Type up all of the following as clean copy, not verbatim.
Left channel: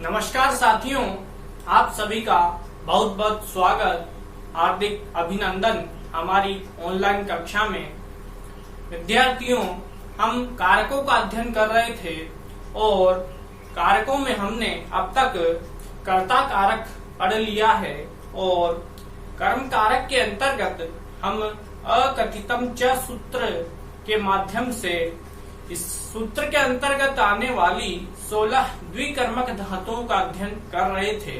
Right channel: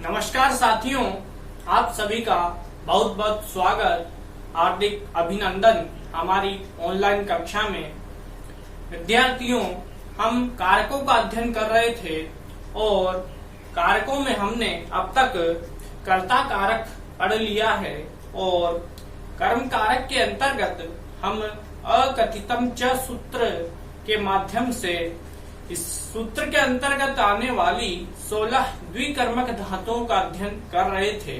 नमस्कार साथियों, आप सभी का बहुत बहुत स्वागत, हार्दिक अभिनंदन हमारी ऑनलाइन कक्षा में। विद्यार्थियों, हम कारकों का अध्ययन कर रहे थे और कारकों में हमने अब तक कर्ता कारक पढ़ लिया है और कर्म कारक के अंतर्गत हम अकथितम च सूत्र के माध्यम से इस सूत्र के अंतर्गत आने वाली 16 द्विकर्मक धातुओं का अध्ययन कर रहे थे।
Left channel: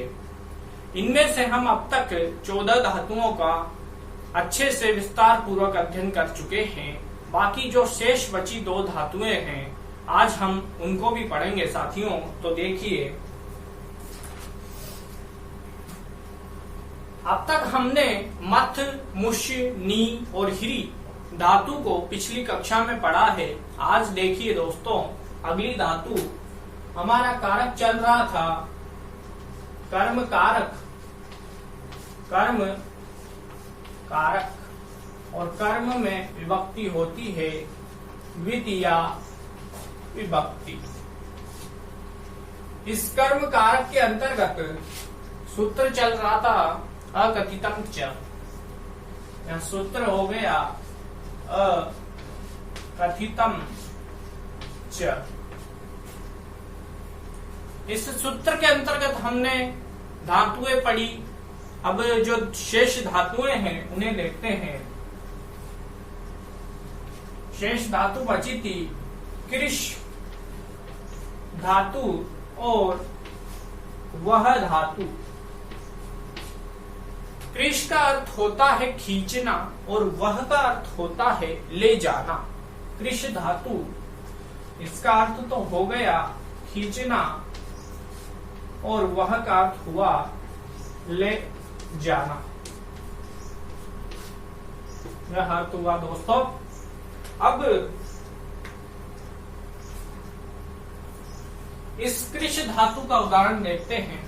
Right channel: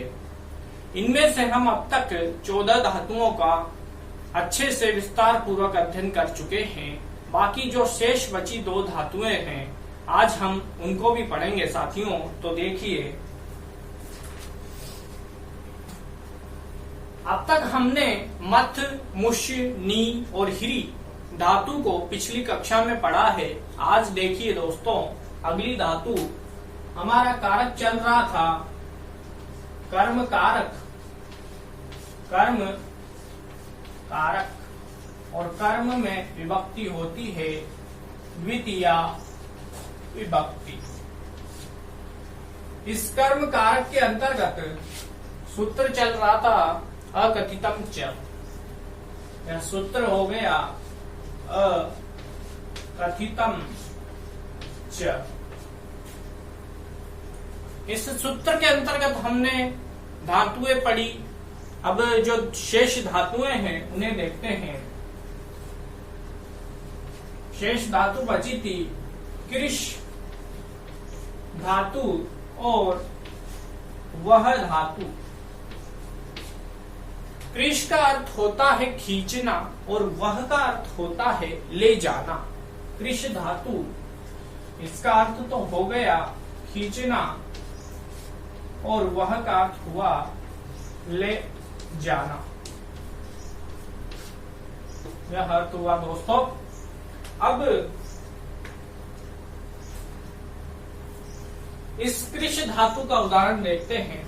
इनमें से हम अब तक 14 धातुओं का अच्छे से विस्तार पूर्वक अध्ययन कर चुके हैं। बाकी जो शेष बची 2 धातुएं हैं, आज हम उनको भी पढ़ेंगे साथियों। तो देखिए, अब तक हमने मथ, मुष्य, नी और हिरी धातु को पिछली कक्षा में पढ़ा है। आज देखिए दोस्तों, अगली धातु हमारा कारक चल रहा था कर्म कारक। कर्म कारक और कर्म में विभक्ति होती है द्वितीया विभक्ति। इस कर्म कारक के अंतर्गत सूत्र चल रहा था अकथितम च। यह सूत्र हो गया अकथितम च। इस सूत्र के अंतर्गत हमने धातुएं पढ़ी। अब जो शेष धातुएं हैं उन्हें देखते हैं। शेष धातु बची थी कृष धातु और वह धातु। कृष का अर्थ होता है खींचना और वह का अर्थ होता है ले जाना। कृष धातु, इसका अर्थ तो हो गया खींचना और वह का अर्थ हुआ ले जाना। यह अर्थ हुआ दोस्तों। अब इस कृष धातु का उदाहरण देखते हैं।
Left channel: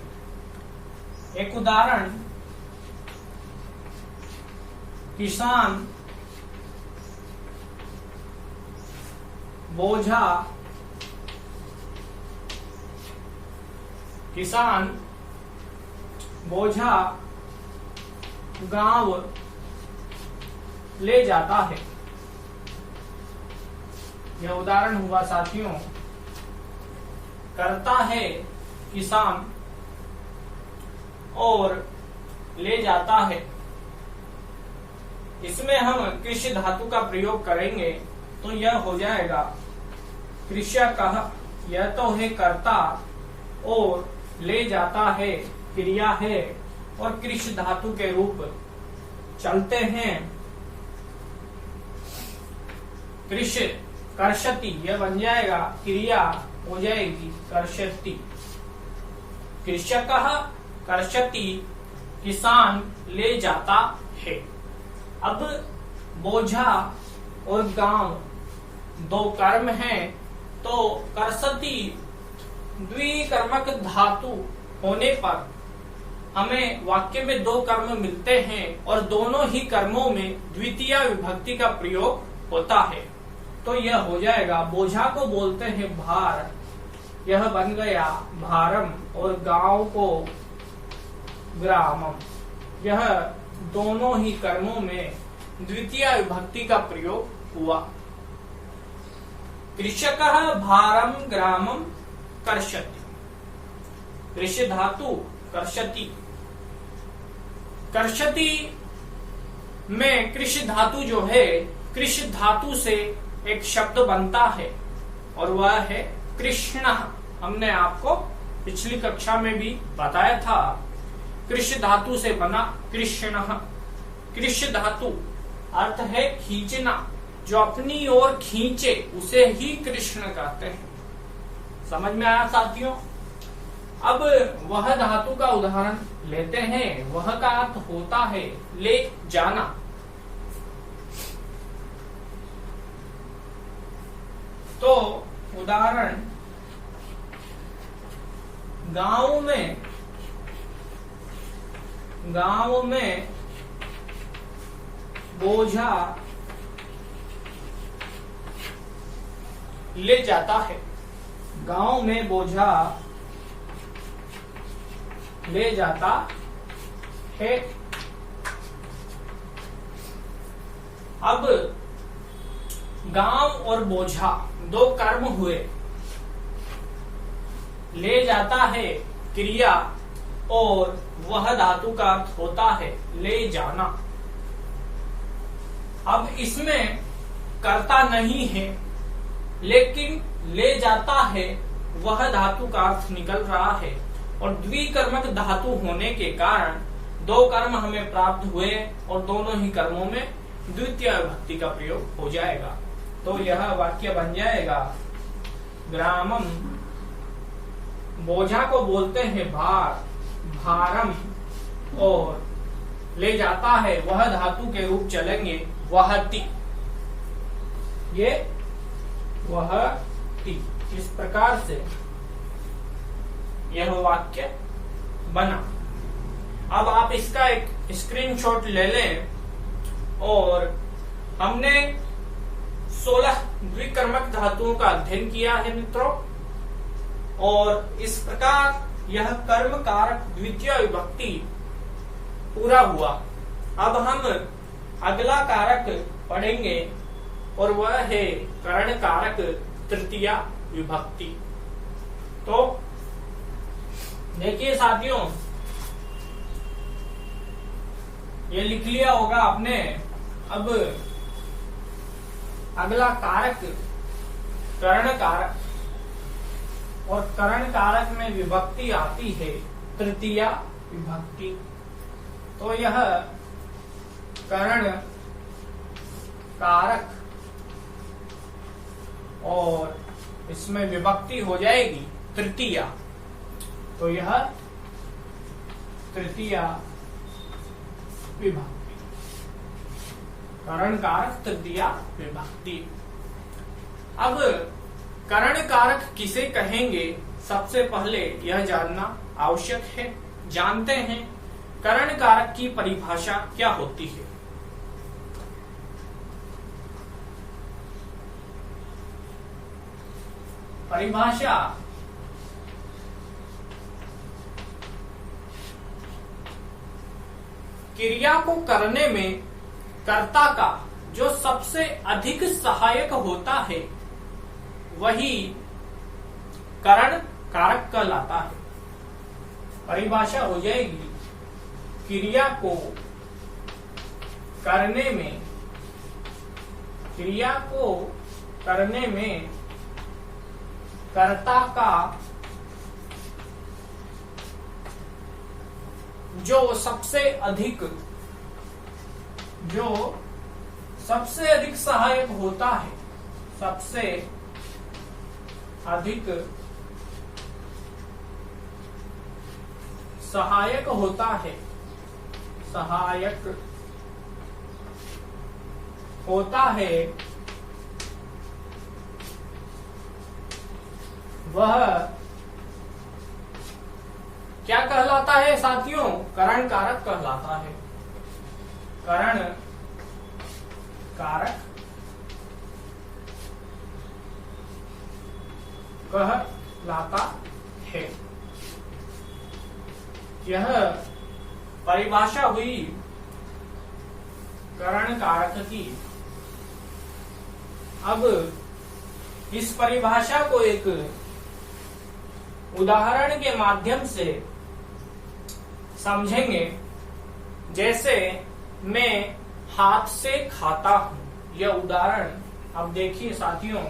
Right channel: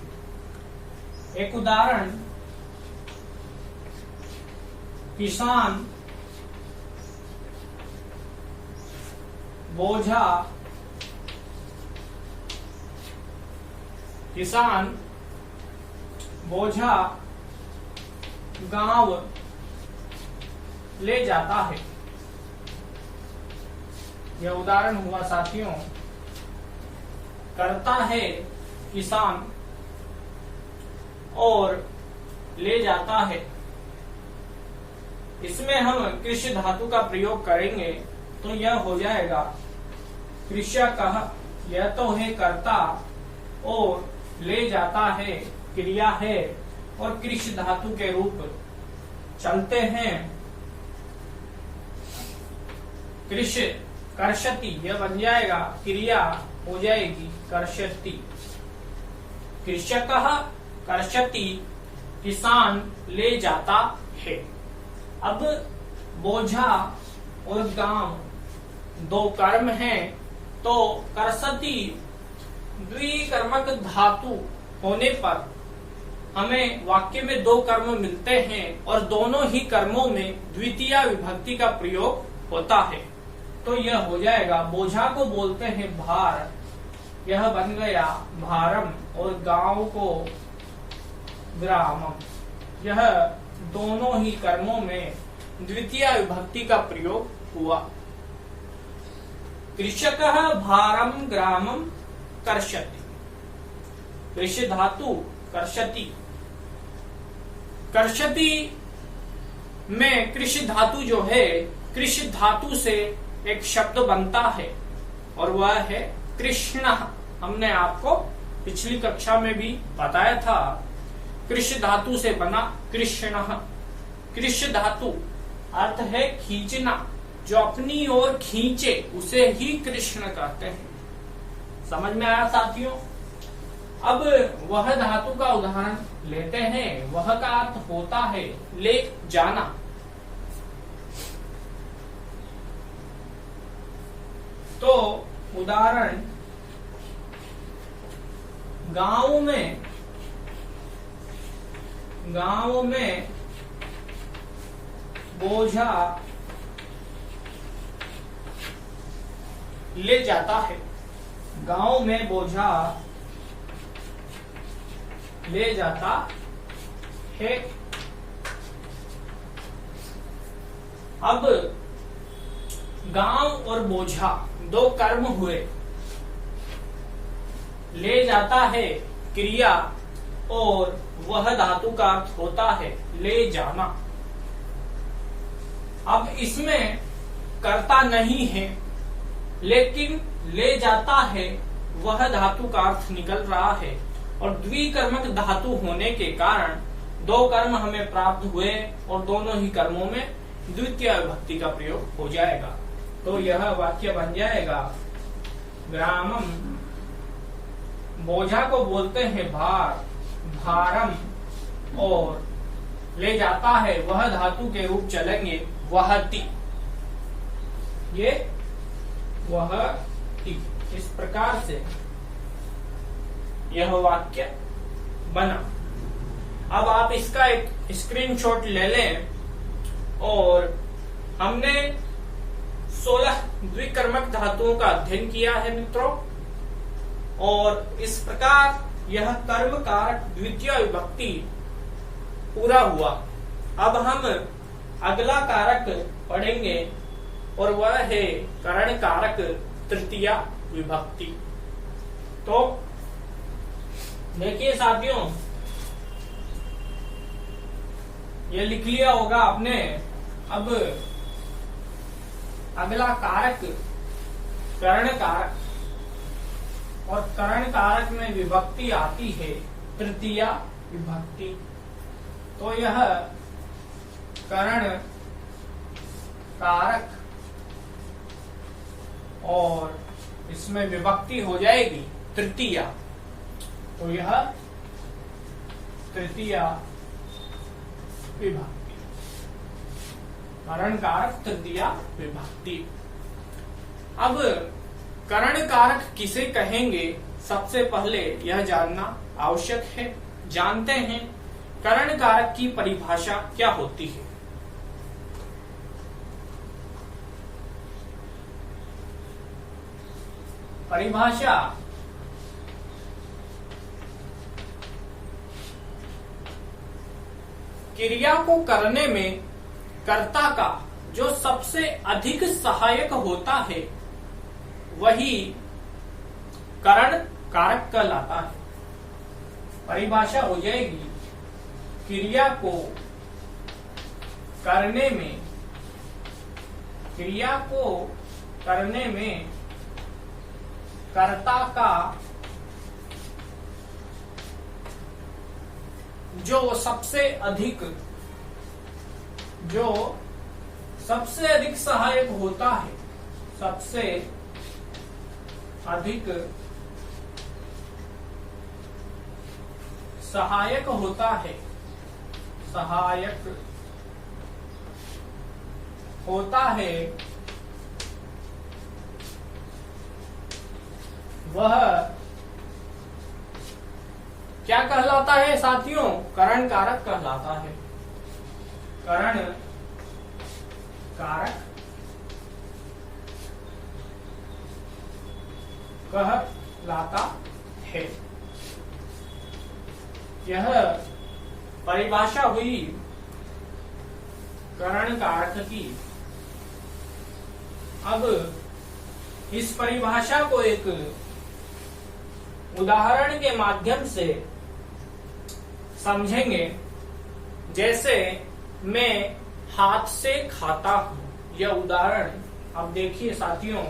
एक उदाहरण, किसान बोझा, किसान बोझा गांव ले जाता है। यह उदाहरण हुआ साथियों। करता है किसान और ले जाता है। इसमें हम कृष धातु का प्रयोग करेंगे तो यह हो जाएगा कृषकः। यह तो है कर्ता और ले जाता है क्रिया है और कृष धातु के रूप चलते हैं। कृष कर्षति, यह बन जाएगा क्रिया हो जाएगी कर्षति। कृषकः कर्षति, किसान ले जाता है। अब बोझा और गांव 2 कर्म हैं, तो कर्षति द्विकर्मक धातु होने पर हमें वाक्य में 2 कर्म मिलते हैं और दोनों ही कर्मों में द्वितीया विभक्ति का प्रयोग होता है। तो यह हो जाएगा, बोझा को बोलते हैं भार, यह बन गया भारम, और गांव को ग्रामम। यह दोनों ही कर्मों में द्वितीय विभक्ति का प्रयोग हुआ। कृषकः भारम ग्रामम कर्षति। कृष धातु कर्षति। कर्षति में कृष धातु जो है, कृष धातु से एक शब्द बनता है और वह है कृष्ण। हमने आपको पिछली कक्षा में भी बताया था। कृष धातु से बना कृष्ण। कृष धातु अर्थ है खींचना, जो अपनी ओर खींचे उसे ही कृष्ण कहते हैं। समझ में आया साथियों? अब वह धातु का उदाहरण लेते हैं। वह का अर्थ होता है ले जाना। तो उदाहरण, गांव में बोझा ले जाता है। गांव में बोझा ले जाता है। अब गांव और बोझा दो कर्म हुए। ले जाता है क्रिया और वह धातु का अर्थ होता है ले जाना। अब इसमें कर्ता नहीं है, लेकिन ले जाता है वह धातु का अर्थ निकल रहा है और द्विकर्मक धातु होने के कारण दो कर्म हमें प्राप्त हुए और दोनों ही कर्मों में द्वितीय विभक्ति का प्रयोग हो जाएगा। तो यह वाक्य बन जाएगा ग्रामम, बोझा को बोलते हैं भार, भारम, और ले जाता है वह धातु के रूप चलेंगे वहति, ये वहति। इस प्रकार से यह वाक्य बना। अब आप इसका एक स्क्रीनशॉट ले लें और हमने 16 द्विकर्मक धातुओं का अध्ययन किया है मित्रों, और इस प्रकार यह कर्म कारक द्वितीय विभक्ति पूरा हुआ। अब हम अगला कारक पढ़ेंगे और वह है करण कारक तृतीय विभक्ति। तो देखिए साथियों, ये लिख लिया होगा आपने। अब अगला कारक करण कारक, और करण कारक में विभक्ति आती है तृतीय विभक्ति। तो यह करण कारक और इसमें विभक्ति हो जाएगी तृतीया। तो यह तृतीय विभक्ति, करण कारक तृतीय विभक्ति। अब करण कारक किसे कहेंगे, सबसे पहले यह जानना आवश्यक है। जानते हैं करण कारक की परिभाषा क्या होती है। परिभाषा क्रिया को करने में कर्ता का जो सबसे अधिक सहायक होता है वही करण कारक कहलाता है। परिभाषा हो जाएगी क्रिया को करने में कर्ता का जो सबसे अधिक सहायक होता है, सबसे अधिक सहायक होता है, वह क्या कहलाता है साथियों, करण कारक कहलाता है। करण कारक कहलाता है। यह परिभाषा हुई करण कारक की। अब इस परिभाषा को एक उदाहरण के माध्यम से समझेंगे। जैसे मैं हाथ से खाता हूं, यह उदाहरण अब देखिए साथियों।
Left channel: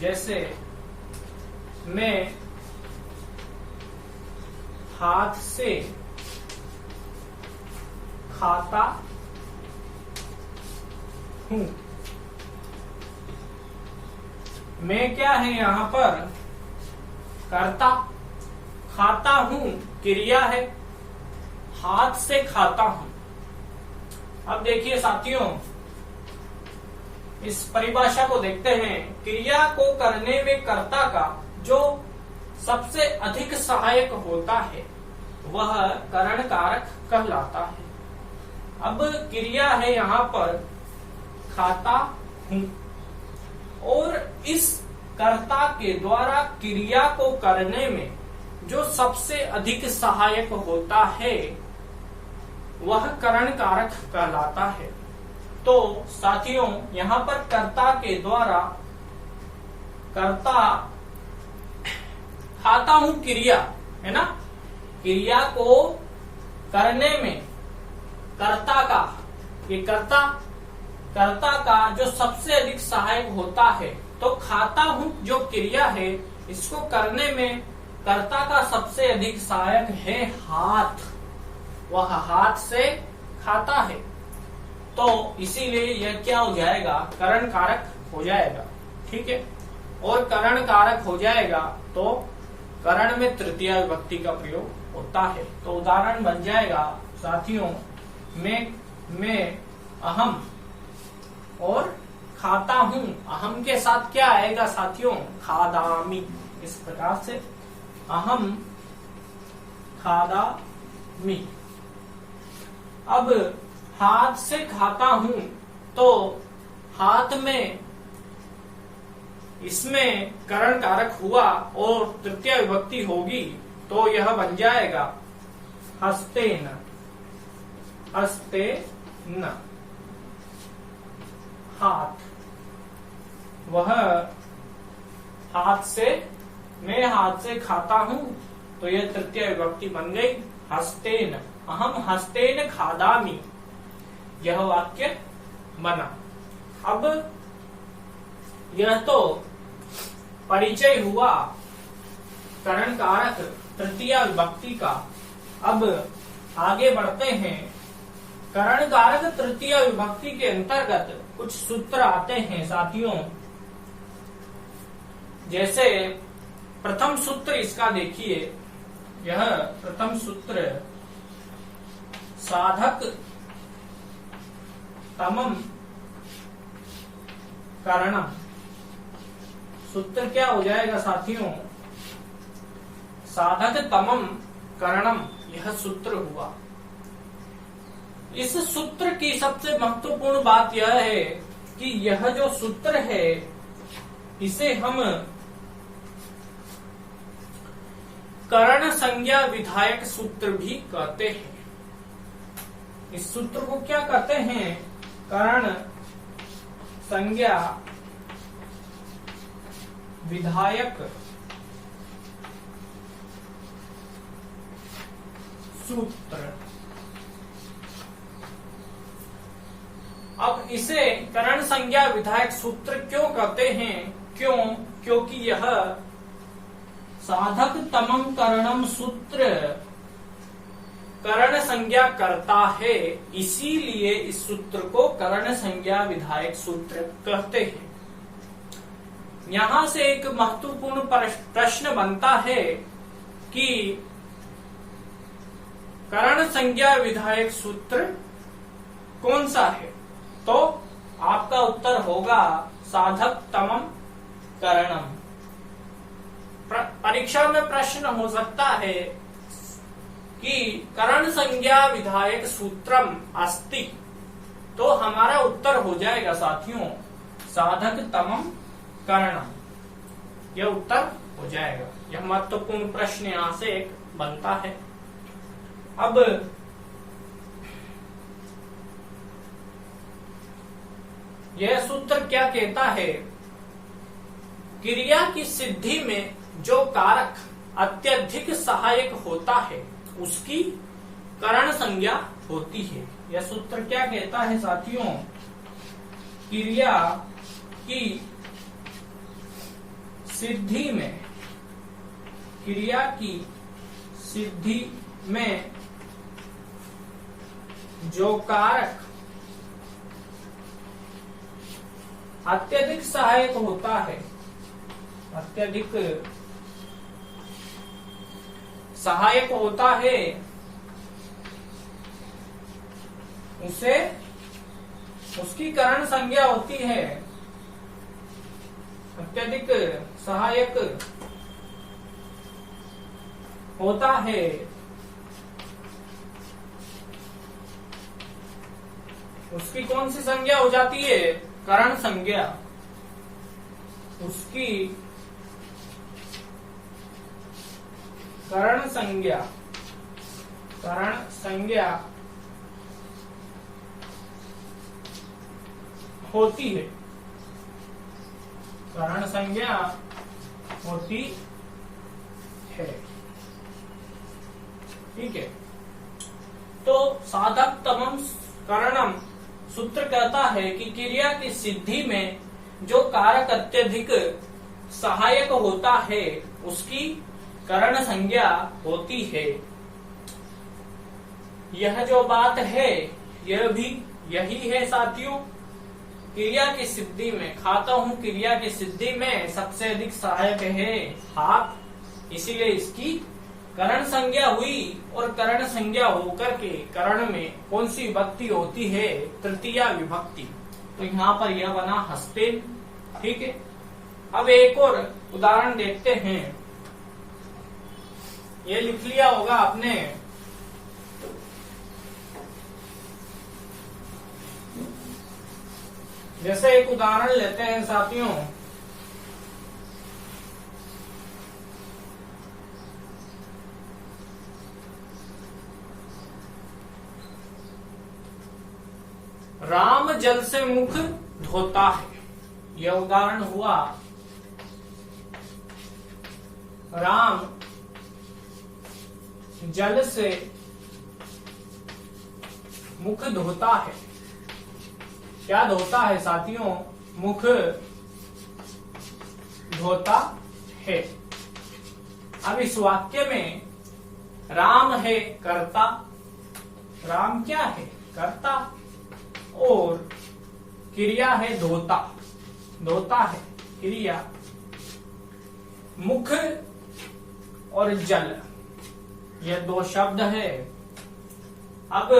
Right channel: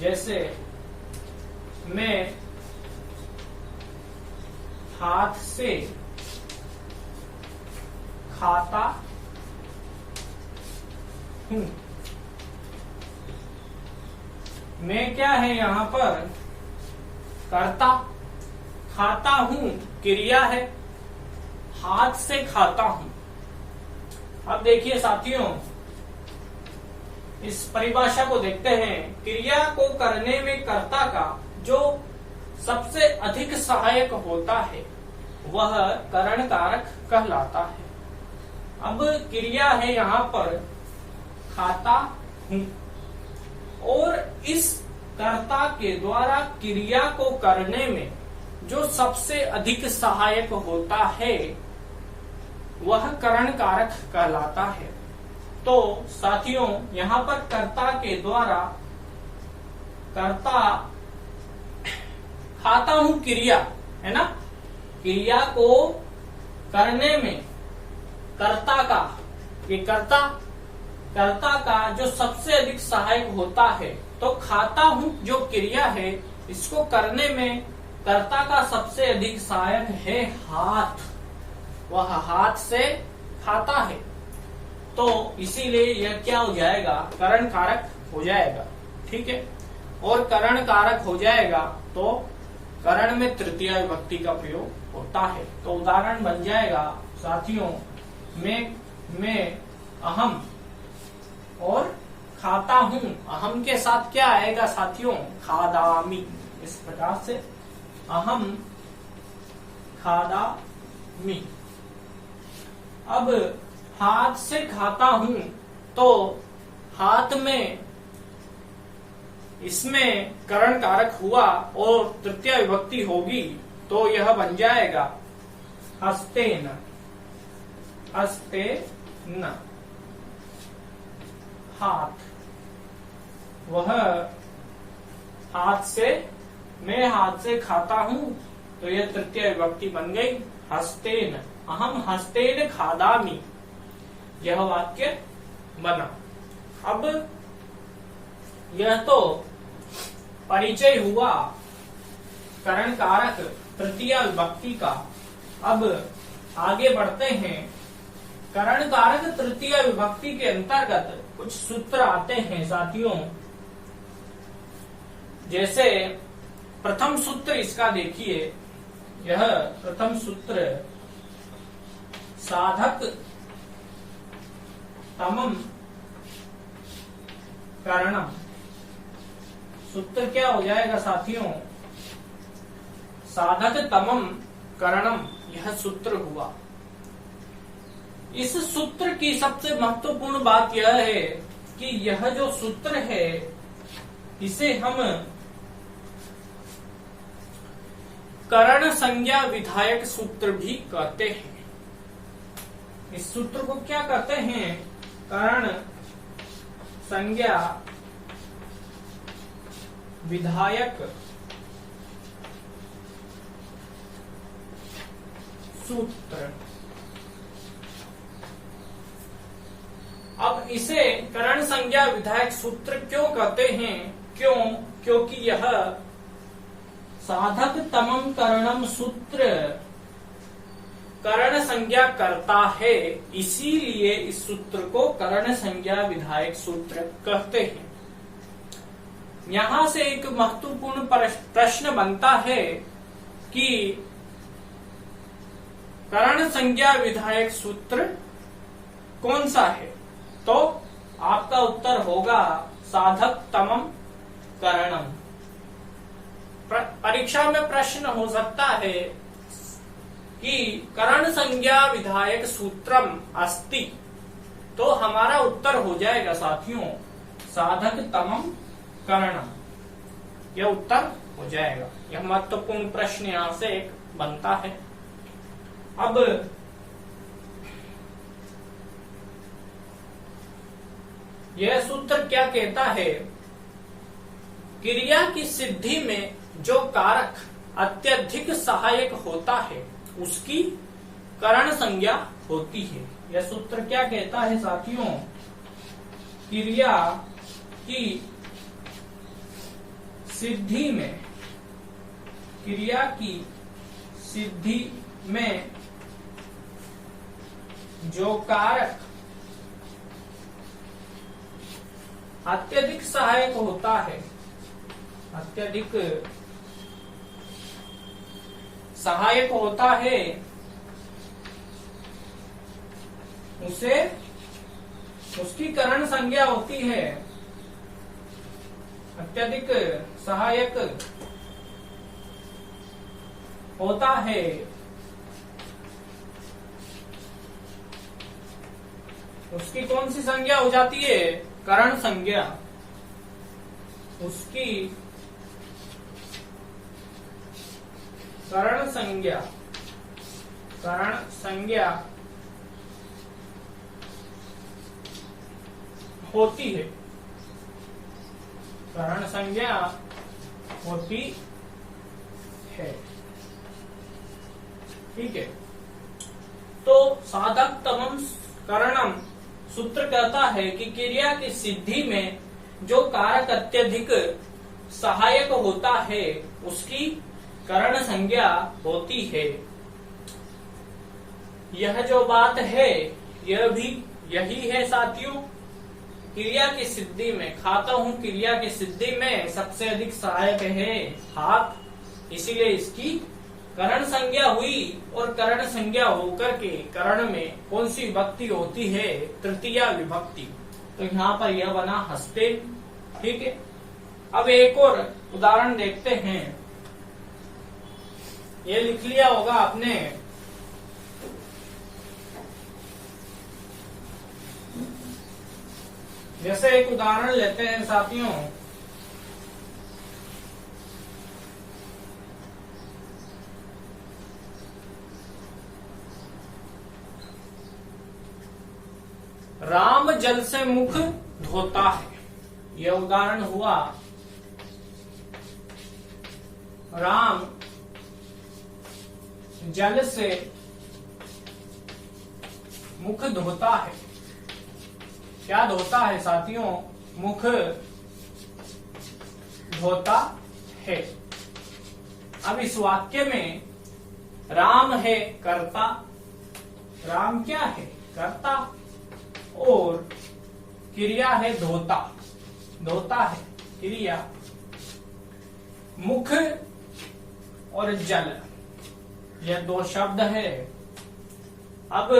जैसे मैं हाथ से खाता हूं, मैं क्या है यहां पर कर्ता, खाता हूं क्रिया है, हाथ से खाता हूं। अब देखिए साथियों, इस परिभाषा को देखते हैं। क्रिया को करने में कर्ता का जो सबसे अधिक सहायक होता है वह करण कारक कहलाता है। अब क्रिया है यहां पर खाता हूं, और इस कर्ता के द्वारा क्रिया को करने में जो सबसे अधिक सहायक होता है वह करण कारक कहलाता है। तो साथियों, यहाँ पर कर्ता के द्वारा, कर्ता खाता हूं क्रिया है ना, क्रिया को करने में कर्ता का, ये कर्ता का जो सबसे अधिक सहायक होता है, तो खाता हूं जो क्रिया है इसको करने में कर्ता का सबसे अधिक सहायक है हाथ, वह हाथ से खाता है। तो इसीलिए यह क्या हो जाएगा, करण कारक हो जाएगा। ठीक है, और करण कारक हो जाएगा तो करण में तृतीय विभक्ति का प्रयोग होता है। तो उदाहरण बन जाएगा साथियों, मैं अहम और खाता हूं, अहम के साथ क्या आएगा साथियों, खादामी। इस प्रकार से अहम खादामी। अब हाथ से खाता हूं, तो हाथ में इसमें करण कारक हुआ और तृतीय विभक्ति होगी, तो यह बन जाएगा हस्तेन, हस्तेन, हाथ। वह हाथ से, मैं हाथ से खाता हूं, तो यह तृतीय विभक्ति बन गई हस्तेन, अहम हस्तेन खादामी। यह वाक्य बना। अब यह तो परिचय हुआ करण कारक तृतीय विभक्ति का। अब आगे बढ़ते हैं। करण कारक तृतीय विभक्ति के अंतर्गत कुछ सूत्र आते हैं साथियों। जैसे प्रथम सूत्र इसका देखिए, यह प्रथम सूत्र साधक तमम करणम। सूत्र क्या हो जाएगा साथियों, साधक तमम करणम, यह सूत्र हुआ। इस सूत्र की सबसे महत्वपूर्ण बात यह है कि यह जो सूत्र है इसे हम करण संज्ञा विधायक सूत्र भी कहते हैं। इस सूत्र को क्या कहते हैं, करण संज्ञा विधायक सूत्र। अब इसे करण संज्ञा विधायक सूत्र क्यों कहते हैं, क्योंकि यह साधक तमम करणम सूत्र करण संज्ञा करता है, इसीलिए इस सूत्र को करण संज्ञा विधायक सूत्र कहते हैं। यहां से एक महत्वपूर्ण प्रश्न बनता है कि करण संज्ञा विधायक सूत्र कौन सा है, तो आपका उत्तर होगा साधक तमम करणम। परीक्षा में प्रश्न हो सकता है कि करण संज्ञा विधायक सूत्रम अस्ति, तो हमारा उत्तर हो जाएगा साथियों साधक तमम करणम। यह उत्तर हो जाएगा। यह महत्वपूर्ण प्रश्न यहां से एक बनता है। अब यह सूत्र क्या कहता है, क्रिया की सिद्धि में जो कारक अत्यधिक सहायक होता है उसकी करण संज्ञा होती है। यह सूत्र क्या कहता है साथियों, क्रिया की सिद्धि में, क्रिया की सिद्धि में जो कारक अत्यधिक सहायक होता है, अत्यधिक सहायक होता है, उसे उसकी करण संज्ञा होती है। अत्यधिक सहायक होता है उसकी कौन सी संज्ञा हो जाती है, करण संज्ञा। उसकी करण संज्ञा होती है, करण संज्ञा होती है। ठीक है, तो साधक तमम करणम सूत्र कहता है कि क्रिया की सिद्धि में जो कारक अत्यधिक सहायक होता है उसकी करण संज्ञा होती है। यह जो बात है यह भी यही है साथियों, क्रिया की सिद्धि में, खाता हूं क्रिया की सिद्धि में सबसे अधिक सहायक है हाथ, इसीलिए इसकी करण संज्ञा हुई। और करण संज्ञा होकर के करण में कौन सी विभक्ति होती है? तृतीया विभक्ति। तो यहाँ पर यह बना हस्ते। ठीक है, अब एक और उदाहरण देखते हैं। ये लिख लिया होगा आपने, जैसे एक उदाहरण लेते हैं साथियों, राम जल से मुख धोता है। यह उदाहरण हुआ, राम जल से मुख धोता है। क्या धोता है साथियों? मुख धोता है। अब इस वाक्य में राम है कर्ता, राम क्या है? कर्ता, और क्रिया है धोता, धोता है क्रिया। मुख और जल यह दो शब्द है। अब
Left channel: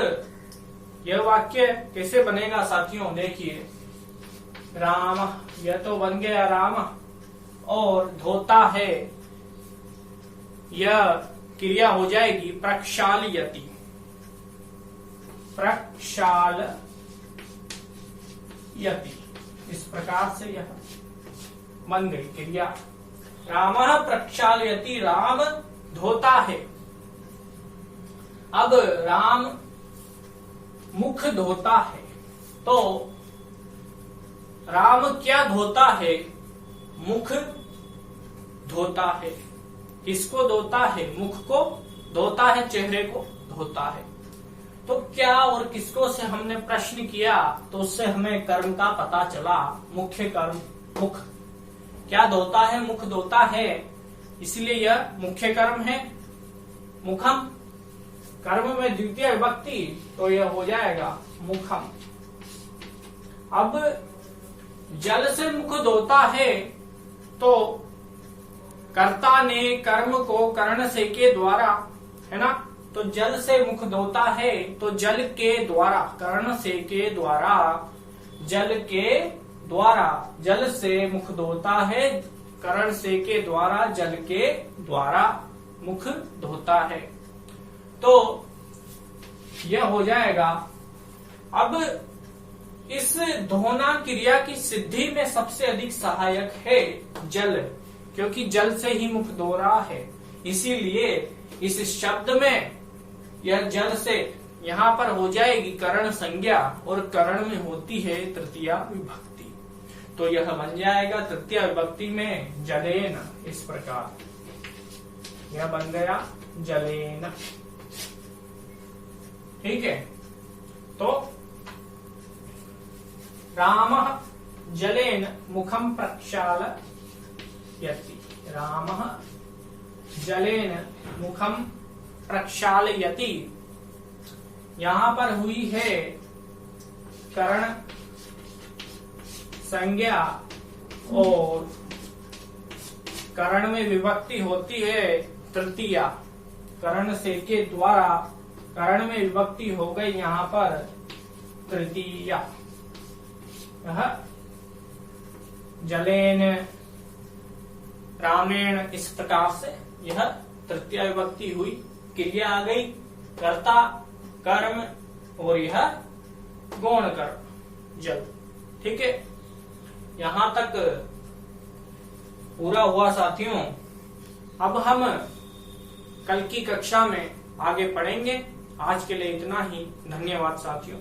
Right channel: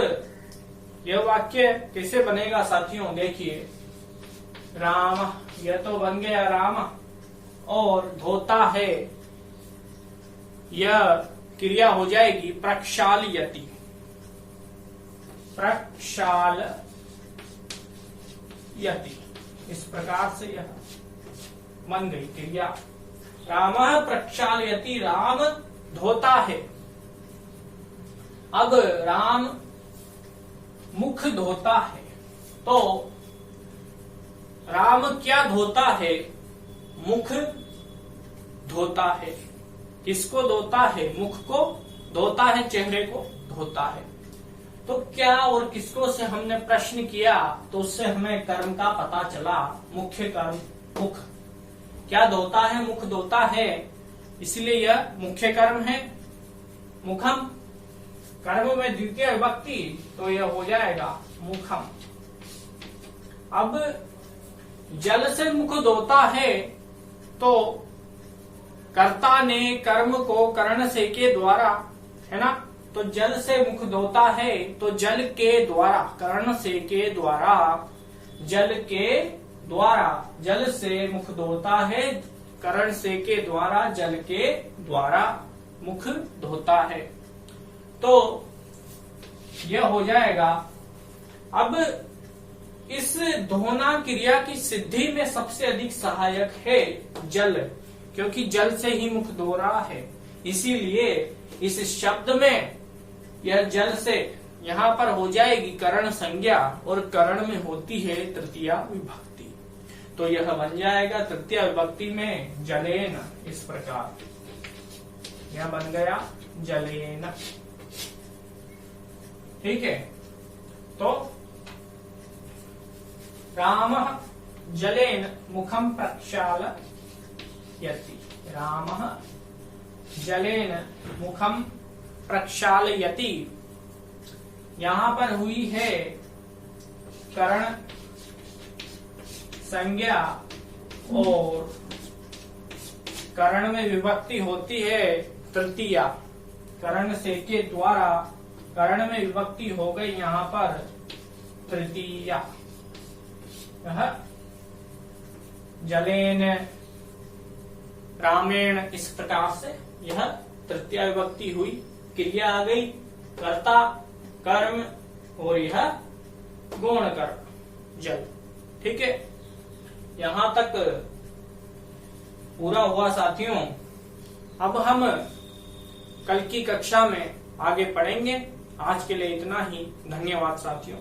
यह वाक्य कैसे बनेगा साथियों? देखिए, राम, यह तो बन गया राम, और धोता है, यह क्रिया हो जाएगी प्रक्षालयति, प्रक्षालयति। इस प्रकार से यह बन गई क्रिया। राम प्रक्षालयति, राम धोता है। अब राम मुख धोता है, तो राम क्या धोता है? मुख धोता है। किसको धोता है? मुख को धोता है, चेहरे को धोता है। तो क्या और किसको से हमने प्रश्न किया, तो उससे हमें कर्म का पता चला। मुख्य कर्म मुख क्या धोता है? मुख धोता है, इसलिए यह मुख्य कर्म है। मुखम कर्म में द्वितीय विभक्ति, तो यह हो जाएगा मुखम। अब जल से मुख धोता है, तो कर्ता ने कर्म को कर्ण से के द्वारा, है ना, तो जल से मुख धोता है, तो जल के द्वारा, कर्ण से के द्वारा, जल के द्वारा, जल से मुख धोता है, कर्ण से के द्वारा, जल के द्वारा मुख धोता है। तो यह हो जाएगा। अब इस धोना क्रिया की सिद्धि में सबसे अधिक सहायक है जल, क्योंकि जल से ही मुख धो रहा है, इसीलिए इस शब्द में यह जल से यहाँ पर हो जाएगी करण संज्ञा, और करण में होती है तृतीया विभक्ति। तो यह बन जाएगा तृतीया विभक्ति में जलेन। इस प्रकार यह बन गया जलेन। ठीक है, तो राम जलेन मुखम प्रक्षालयति, राम जलेन मुखम प्रक्षालयति। यहां पर हुई है करण संज्ञा, और करण में विभक्ति होती है तृतीया। करण से के द्वारा करण में विभक्ति हो गई यहाँ पर तृतीया। जलेन, रामेण, इस प्रकार से यह तृतीया विभक्ति हुई। क्रिया आ गई कर्ता, कर्म, और यह गौण कर्म जल। ठीक है, यहां तक पूरा हुआ साथियों। अब हम कल की कक्षा में आगे पढ़ेंगे। आज के लिए इतना ही। धन्यवाद साथियों।